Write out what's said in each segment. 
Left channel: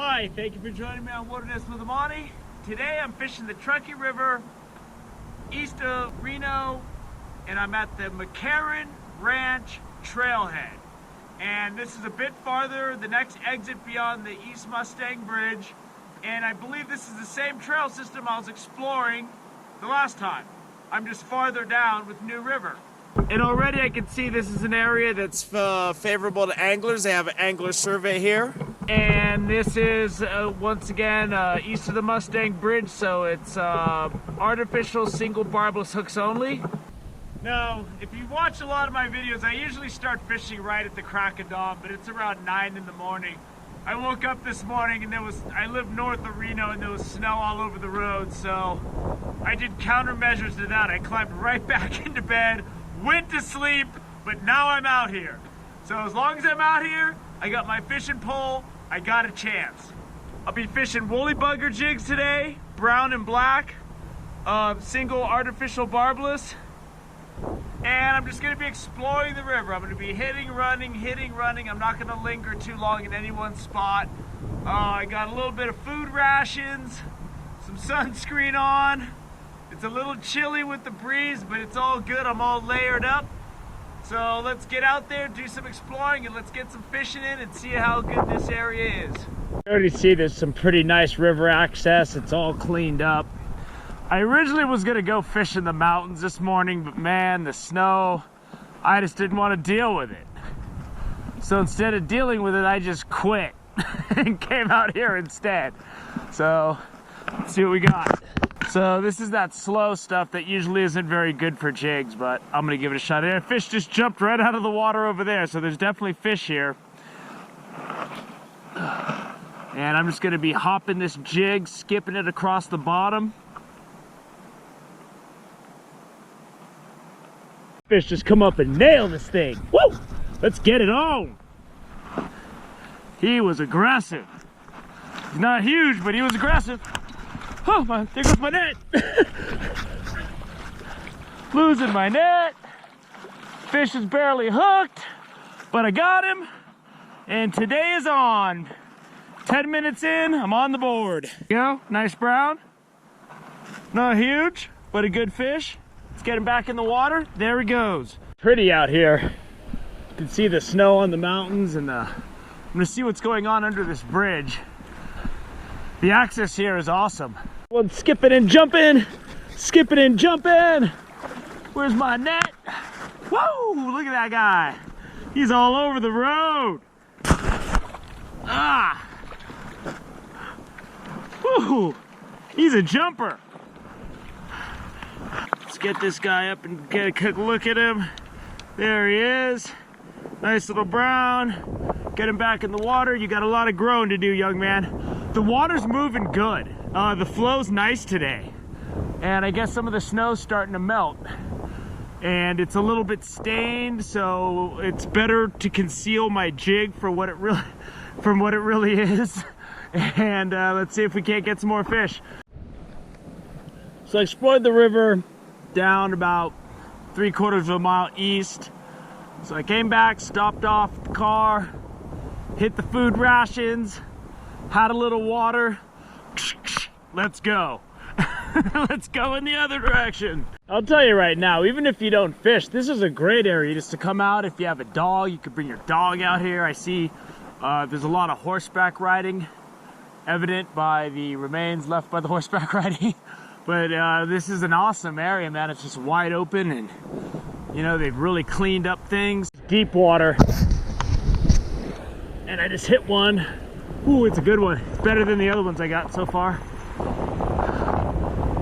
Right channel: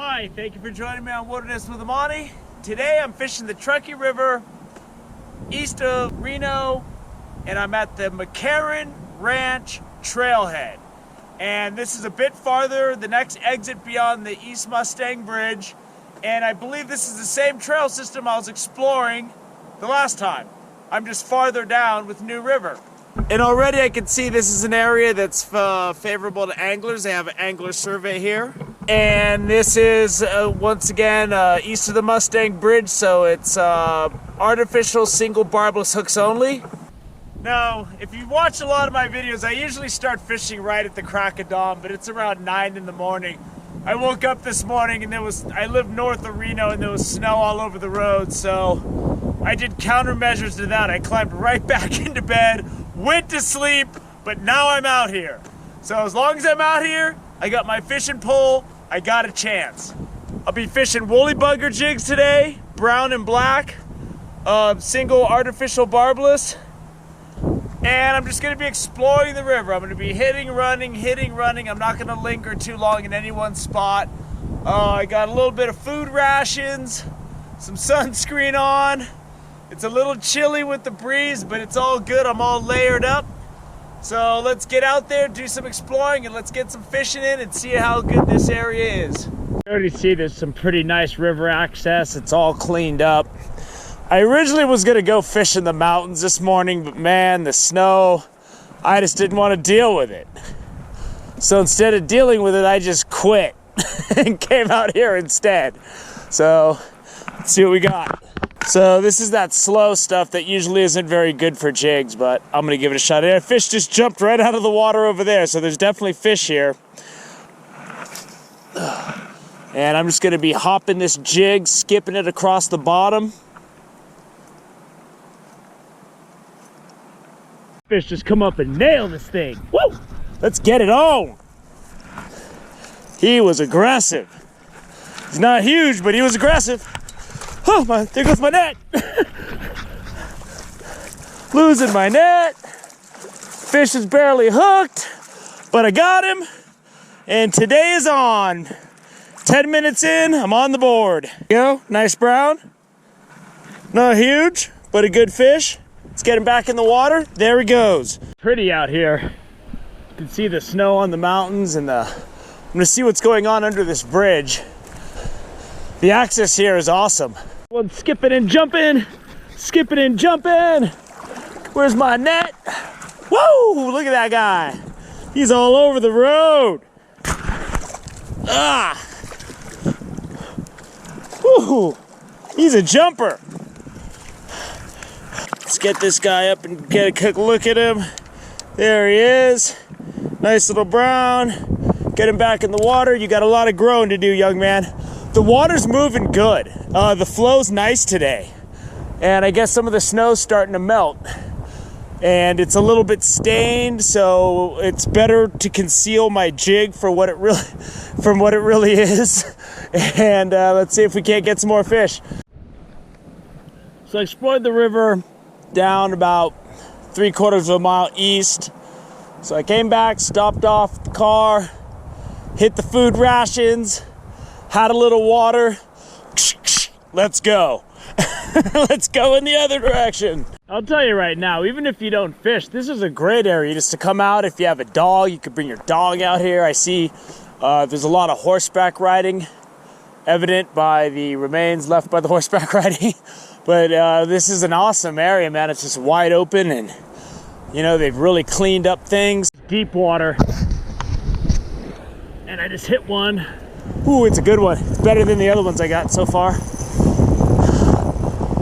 Hi, thank you for joining me on Wilderness with Amani. Today I'm fishing the Truckee River east of Reno, and I'm at the McCarran Ranch Trailhead. And this is a bit farther, the next exit beyond the East Mustang Bridge, and I believe this is the same trail system I was exploring the last time. I'm just farther down with New River. And already I can see this is an area that's favorable to anglers. They have an angler survey here. And this is, once again, east of the Mustang Bridge, so it's artificial single barbless hooks only. Now, if you watch a lot of my videos, I usually start fishing right at the crack of dawn, but it's around 9 in the morning. I woke up this morning and I live north of Reno and there was snow all over the road, so I did countermeasures to that. I climbed right back into bed, went to sleep, but now I'm out here. So as long as I'm out here, I got my fishing pole, I got a chance. I'll be fishing woolly bugger jigs today, brown and black, single artificial barbless, and I'm just gonna be exploring the river. I'm gonna be hitting, running. I'm not gonna linger too long in any one spot. I got a little bit of food rations, some sunscreen on. It's a little chilly with the breeze, but it's all good. I'm all layered up. So let's get out there, do some exploring, and let's get some fishing in and see how good this area is. I already see there's some pretty nice river access. It's all cleaned up. I originally was gonna go fish in the mountains this morning, but man, the snow, I just didn't want to deal with it. So instead of dealing with it, I just quit and came out here instead. So let's see what we got. So this is that slow stuff that usually isn't very good for jigs, but I'm gonna give it a shot. A fish just jumped right out of the water over there, so there's definitely fish here. And I'm just gonna be hopping this jig, skipping it across the bottom. Fish just come up and nail this thing. Woo! Let's get it on. He was aggressive. He's not huge, but he was aggressive. Oh my, there goes my net. Losing my net. Fish is barely hooked, but I got him. And today is on. 10 minutes in, I'm on the board. Go, nice brown. Not huge, but a good fish. Let's get him back in the water. There he goes. Pretty out here. You can see the snow on the mountains and I'm gonna see what's going on under this bridge. The access here is awesome. One skipping and jumping, skipping and jumping. Where's my net? Whoa, look at that guy. He's all over the road. Ah. Woo, he's a jumper. Let's get this guy up and get a quick look at him. There he is. Nice little brown. Get him back in the water. You got a lot of growing to do, young man. The water's moving good. The flow's nice today. And I guess some of the snow's starting to melt. And it's a little bit stained, so it's better to conceal my jig from what it really is. And let's see if we can't get some more fish. So I explored the river down about 3/4 of a mile east. So I came back, stopped off the car, hit the food rations, had a little water. Let's go. Let's go in the other direction. I'll tell you right now, even if you don't fish, this is a great area just to come out. If you have a dog, you could bring your dog out here. I see there's a lot of horseback riding, evident by the remains left by the horseback riding. But this is an awesome area, man. It's just wide open and, you know, they've really cleaned up things. Deep water. And I just hit one. Ooh, it's a good one. It's better than the other ones I got so far.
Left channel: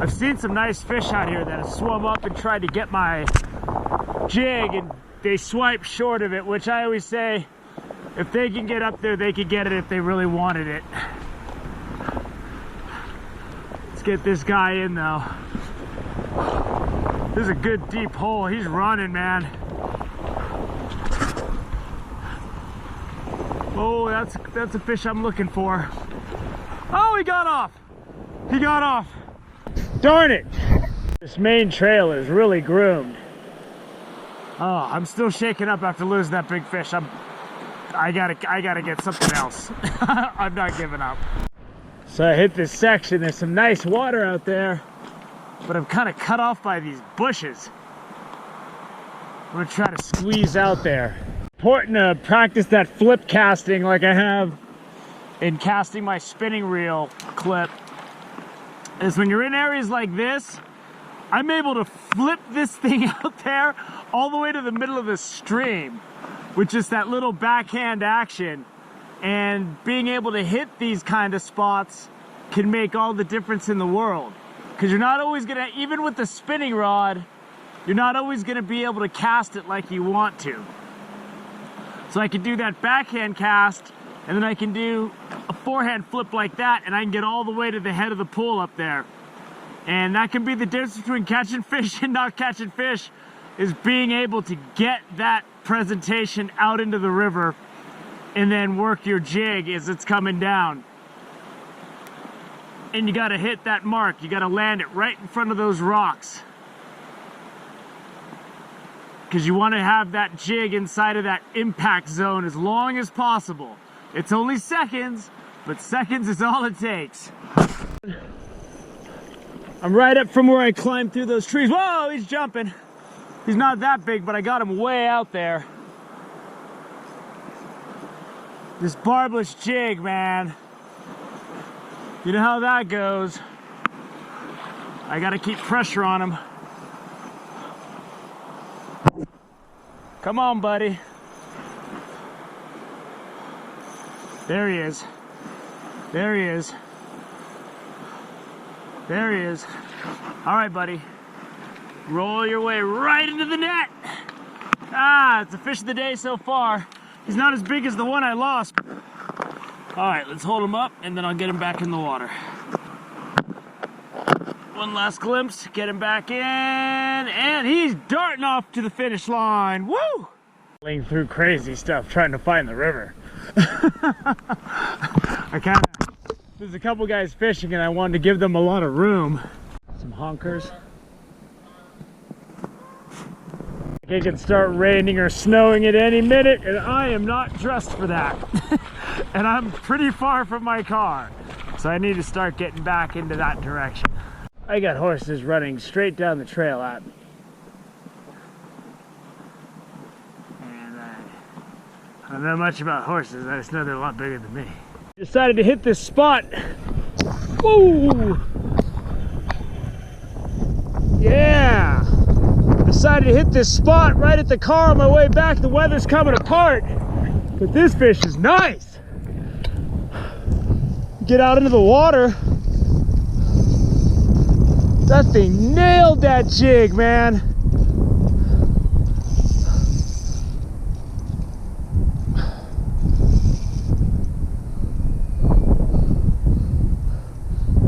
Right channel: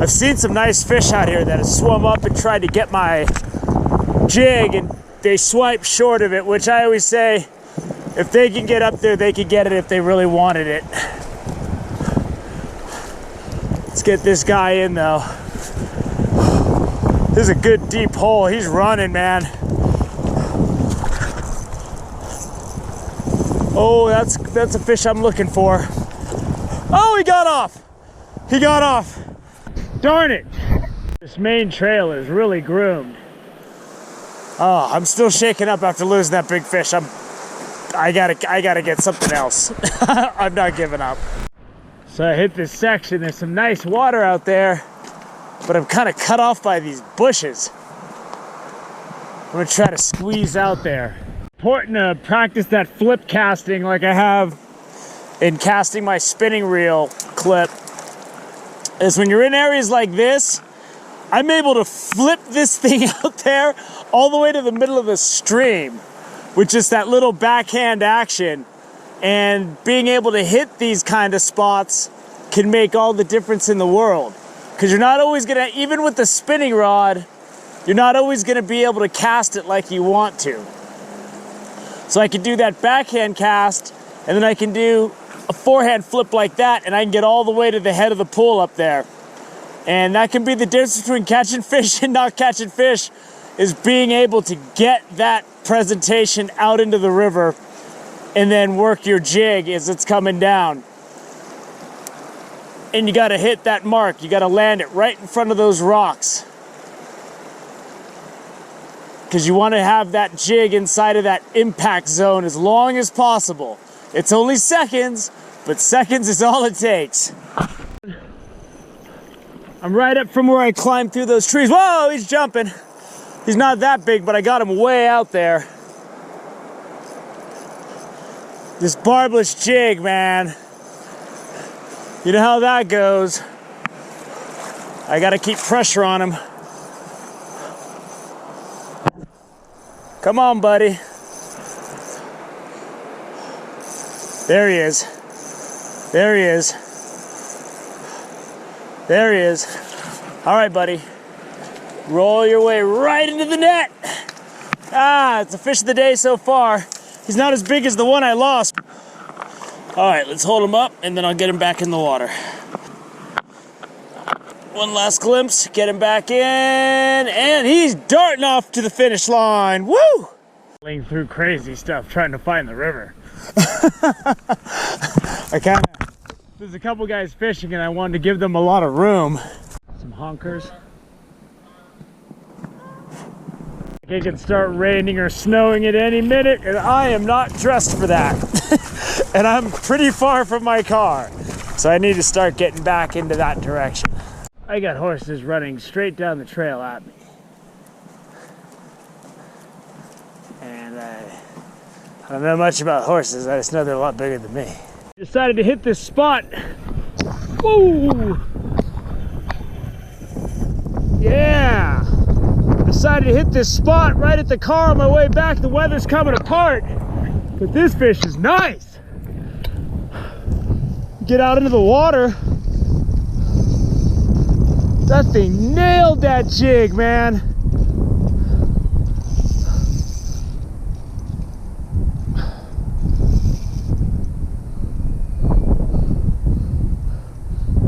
I've seen some nice fish out here that have swum up and tried to get my jig and they swipe short of it, which I always say, if they can get up there, they can get it if they really wanted it. Let's get this guy in though. This is a good deep hole. He's running, man. Oh, that's a fish I'm looking for. Oh, he got off. He got off. Darn it. This main trail is really groomed. Oh, I'm still shaking up after losing that big fish. I'm I gotta get something else. I'm not giving up. So I hit this section. There's some nice water out there, but I'm kind of cut off by these bushes. I'm gonna try to squeeze out there. Important to practice that flip casting like I have in casting my spinning reel clip. Is when you're in areas like this, I'm able to flip this thing out there all the way to the middle of the stream, with just that little backhand action. And being able to hit these kind of spots can make all the difference in the world. Because you're not always gonna, even with the spinning rod, you're not always gonna be able to cast it like you want to. So I can do that backhand cast, and then I can do a forehand flip like that, and I can get all the way to the head of the pool up there. And that can be the difference between catching fish and not catching fish, is being able to get that presentation out into the river and then work your jig as it's coming down. And you gotta hit that mark. You gotta land it right in front of those rocks, because you want to have that jig inside of that impact zone as long as possible. It's only seconds, but seconds is all it takes. I'm right up from where I climbed through those trees. Whoa, he's jumping. He's not that big, but I got him way out there. This barbless jig, man. You know how that goes. I gotta keep pressure on him. Come on, buddy. There he is. There he is. There he is. All right, buddy. Roll your way right into the net. Ah, it's a fish of the day so far. He's not as big as the one I lost. All right, let's hold him up, and then I'll get him back in the water. One last glimpse, get him back in, and he's darting off to the finish line. Woo! Going through crazy stuff trying to find the river. There's a couple guys fishing, and I wanted to give them a lot of room. Some honkers. It can start raining or snowing at any minute, and I am not dressed for that. And I'm pretty far from my car, so I need to start getting back into that direction. I got horses running straight down the trail at me. And I don't know much about horses, I just know they're a lot bigger than me. Decided to hit this spot. Woo! Yeah! Decided to hit this spot right at the car on my way back. The weather's coming apart, but this fish is nice. Get out into the water. That thing nailed that jig, man.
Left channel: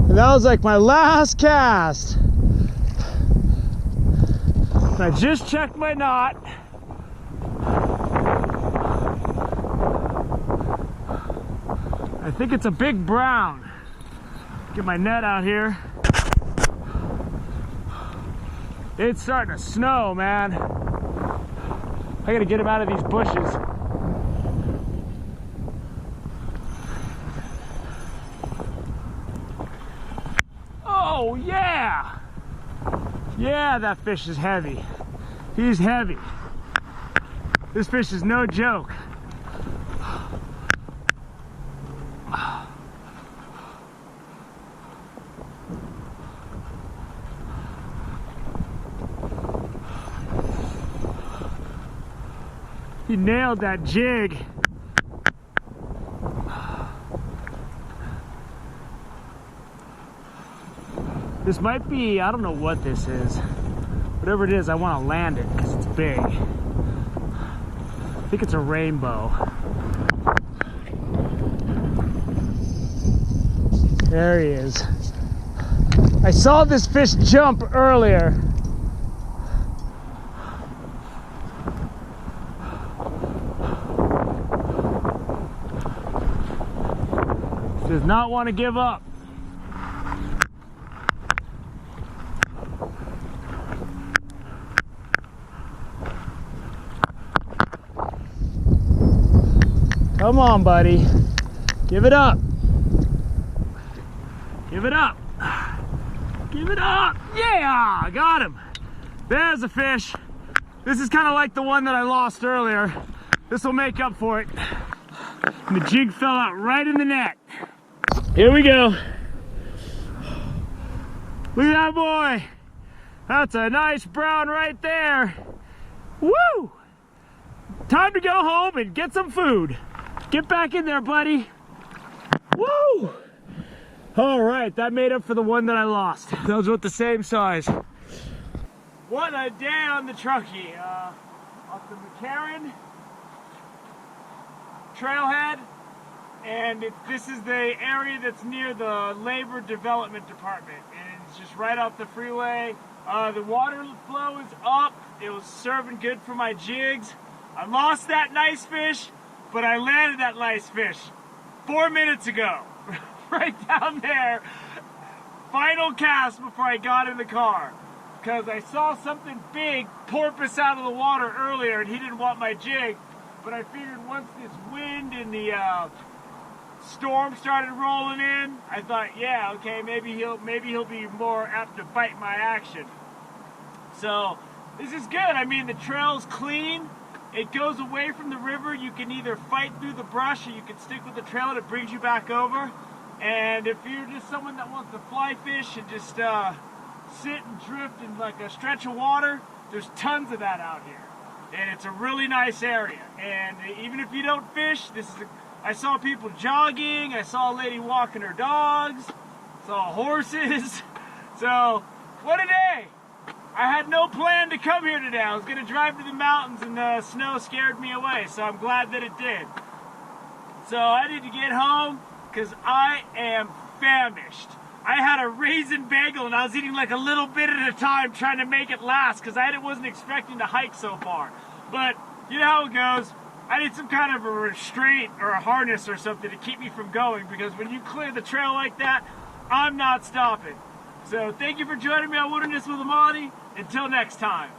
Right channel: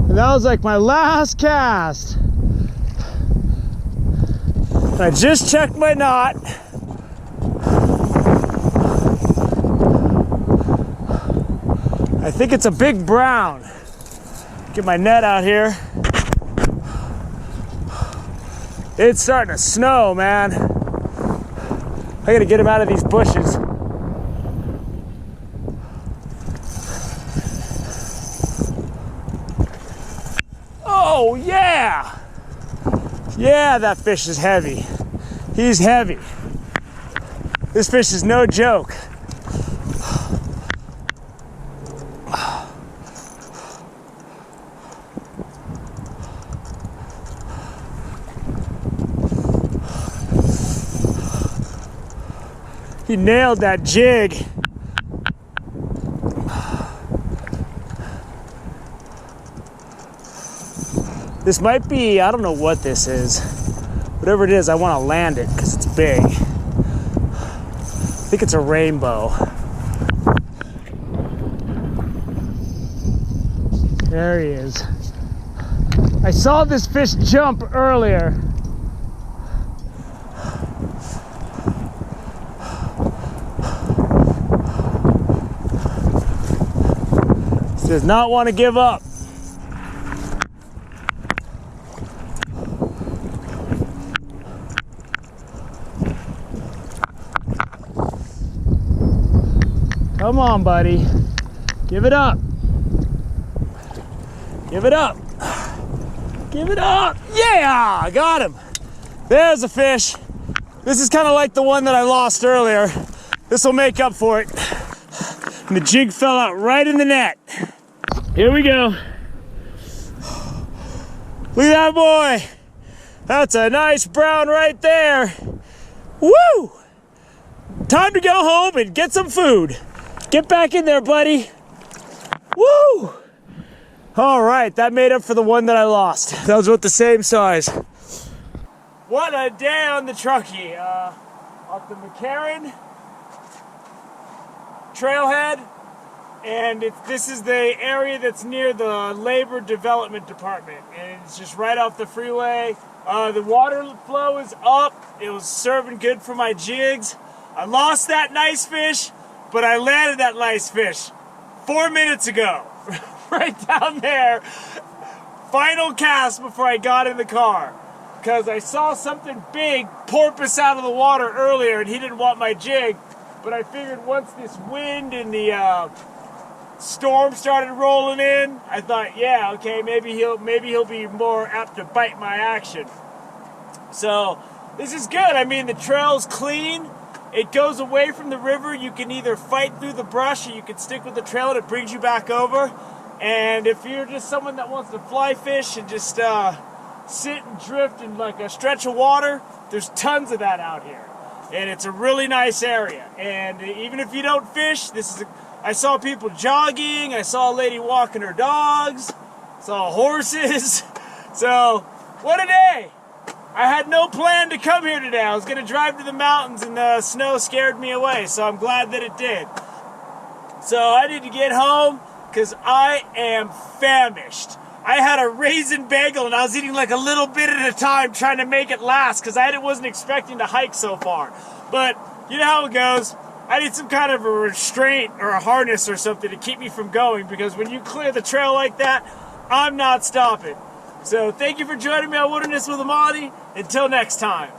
And that was like my last cast. I just checked my knot. I think it's a big brown. Get my net out here. It's starting to snow, man. I gotta get him out of these bushes. Oh, yeah! Yeah, that fish is heavy. He's heavy. This fish is no joke. He nailed that jig. This might be, I don't know what this is. Whatever it is, I want to land it because it's big. I think it's a rainbow. There he is. I saw this fish jump earlier. Does not want to give up. Come on, buddy. Give it up. Give it up. Give it up. Yeah, I got him. There's a fish. This is kind of like the one that I lost earlier. This will make up for it. And the jig fell out right in the net. Here we go. Look at that boy. That's a nice brown right there. Woo! Time to go home and get some food. Get back in there, buddy. Woo! All right, that made up for the one that I lost. That was about the same size. What a day on the Truckee. Off the McCarran Trailhead, and this is the area that's near the Labor Development Department, and it's just right off the freeway. The water flow is up. It was serving good for my jigs. I lost that nice fish, but I landed that nice fish 4 minutes ago. Right down there. Final cast before I got in the car. Because I saw something big porpoise out of the water earlier and he didn't want my jig. But I figured once this wind and the storm started rolling in, I thought, yeah, okay, maybe he'll be more apt to bite my action. So this is good. I mean, the trail's clean. It goes away from the river. You can either fight through the brush or you can stick with the trail and it brings you back over. And if you're just someone that wants to fly fish and just sit and drift in like a stretch of water, there's tons of that out here. And it's a really nice area. And even if you don't fish, I saw people jogging, I saw a lady walking her dogs, saw horses. So, what a day! I had no plan to come here today. I was going to drive to the mountains and the snow scared me away, so I'm glad that it did. So I need to get home because I am famished. I had a raisin bagel and I was eating like a little bit at a time trying to make it last because I wasn't expecting to hike so far. But you know how it goes. I need some kind of a restraint or a harness or something to keep me from going because when you clear the trail like that, I'm not stopping. So thank you for joining me on Wilderness with Amani. Until next time.